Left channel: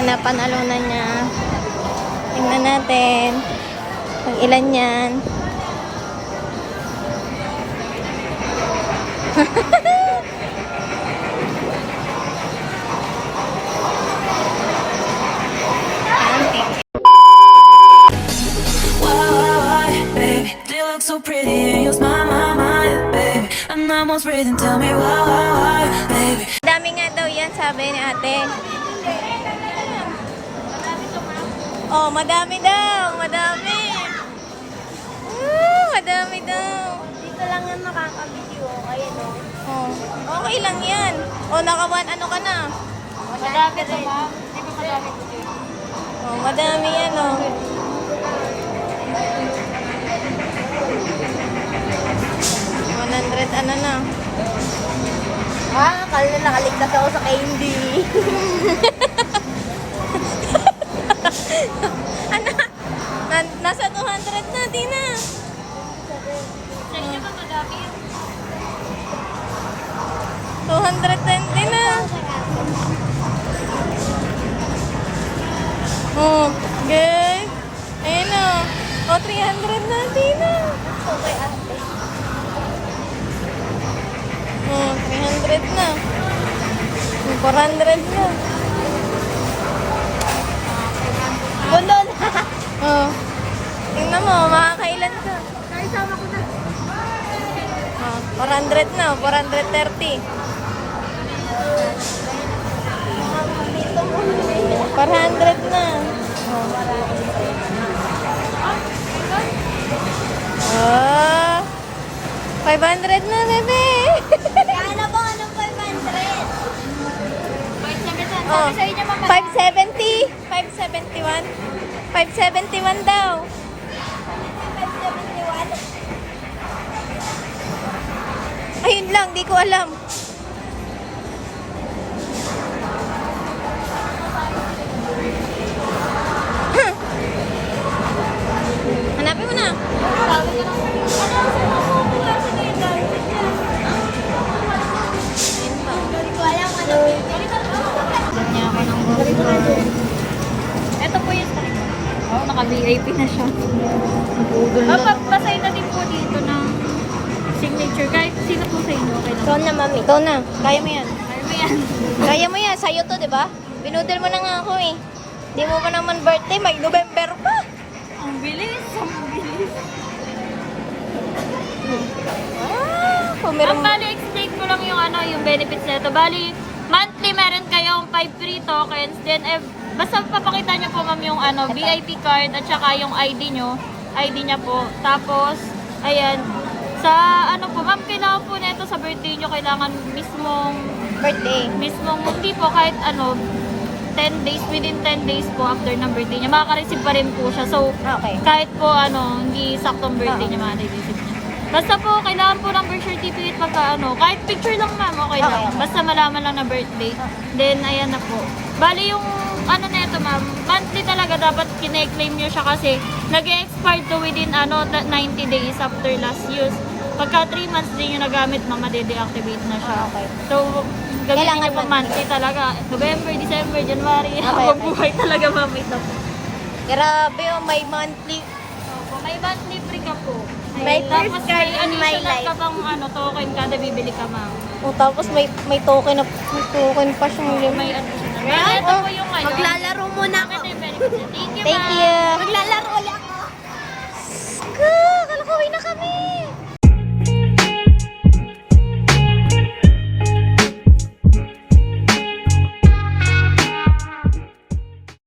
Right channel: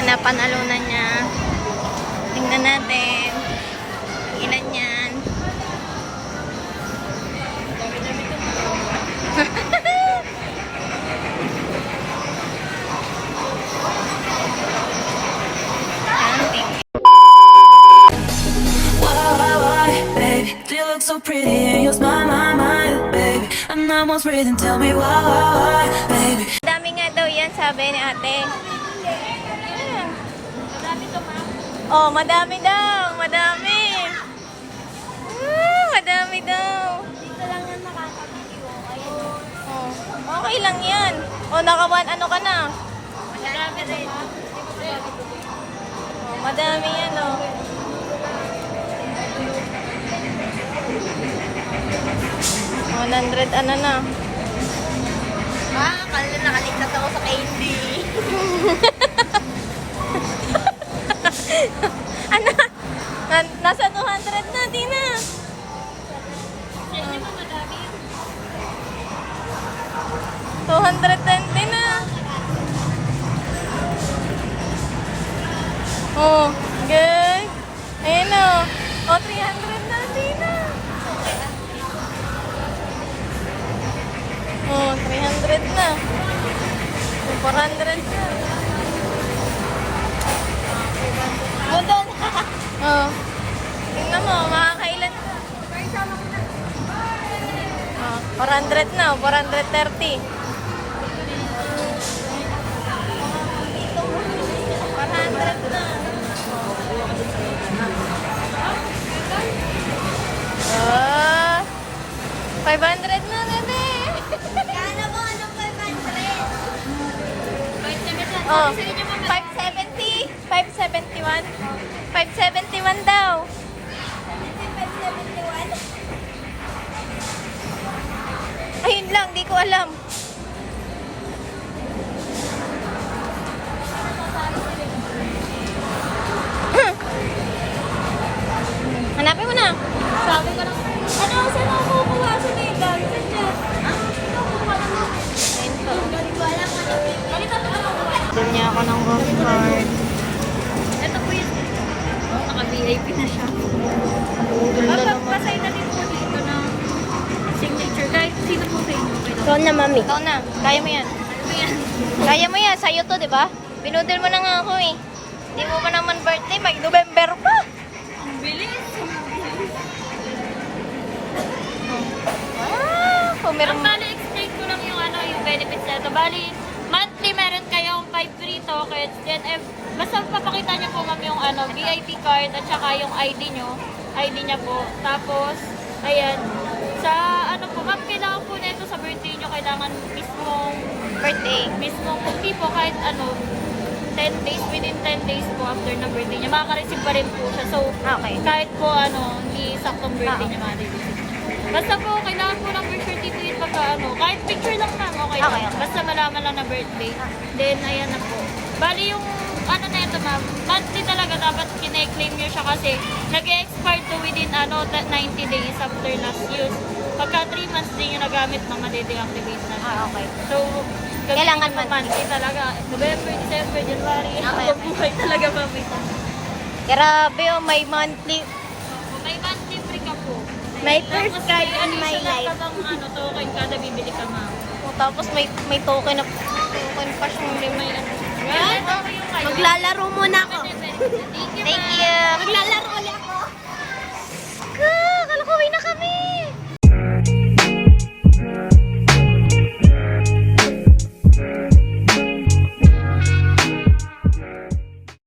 Napanalunan niya. Tingnan natin. Kung ilan yan. So pretty and you smile my mind, baby. I'm almost ready, tell me why, baby. Madami nga daw yan, sabi ni ate. Madami to, ma'am? Oh, madami daw. Madami. Madami daw. Dito lang yan makakabitiw. Ayun o. Oh, okay lang yan. Oh, nakawan, ano ka na? Madami to, ma'am. Di ba madami to? Oh, madami yan, oh. 100 ano na. Nakaligtas ako sa candy. Ano? Nasa 200 na, Tina. Oh. 220 na. Oh, okay. Ayan na. Oh, 300 na, Tina. Oh, 300 na. Oh, 400 na. Ganun. Oh. Tingnan mo, makakailan ka. Oh, 400 na, 430. 400 na. Oh. 500 na, bebe. Kala ko anong 500. Oh, 570, 571. 571 daw. Ayun lang, di ko alam. Hanapin mo na. Ayun pa. Dala niya ako ng home card. Ito po yung naka-VIP na siya. Napudol na naman. Pasay na din po dito ng signature. Kahit sino po sa inyo, okay lang. Ito na, mami. Ito na. Kaya mo yan. Ayan. Kaya mo yan. Sa'yo to, di ba? Binudol mo na nga ako eh. Di mo pa naman birthday. Mag-November pa. Ang bilis. Ang bilis. Ah, kung meron... Bali, explain ko lang yung yung benefits nito. Bali, monthly meron kayong 5 free tokens. Then, basta papakita nyo po ma'am yung VIP card at saka yung ID nyo. ID niya po. Tapos, ayan. Sa po, ma'am, kailangan po nito sa birthday nyo, kailangan Birthday. mismong hindi po kahit 10 days, within 10 days po after ng birthday niya, makaka-receive pa rin po siya. So, Okay. kahit po hindi saktong birthday niya, makaka-receive. Basta po, kailangan po ng birth certificate pagka kahit picture lang ma'am, okay lang. Okay. Basta malaman lang na birthday. Then, ayan na po. Bali yung na ito ma'am, monthly talaga dapat kine-claim nyo siya kasi nag-expire to within 90 days after last use. Pagka 3 months din yung nagamit, made-deactivate na siya. Okay. So, Kailangan gagawin monthly talaga. November, December, January, Okay, habang okay. buhay talaga ma'am ito. Grabe oh, may monthly. May monthly free ka po. May Tapos first card may in my additional life. ka pang token kada bibili ka ma'am. Oh, tapos may token na pa siyang yun. May additional. Kaya ito po yung Maglalaro muna ako. Thank you, Thank ma'am. you. Maglalaro ulit ako. Kalakuwi na kami.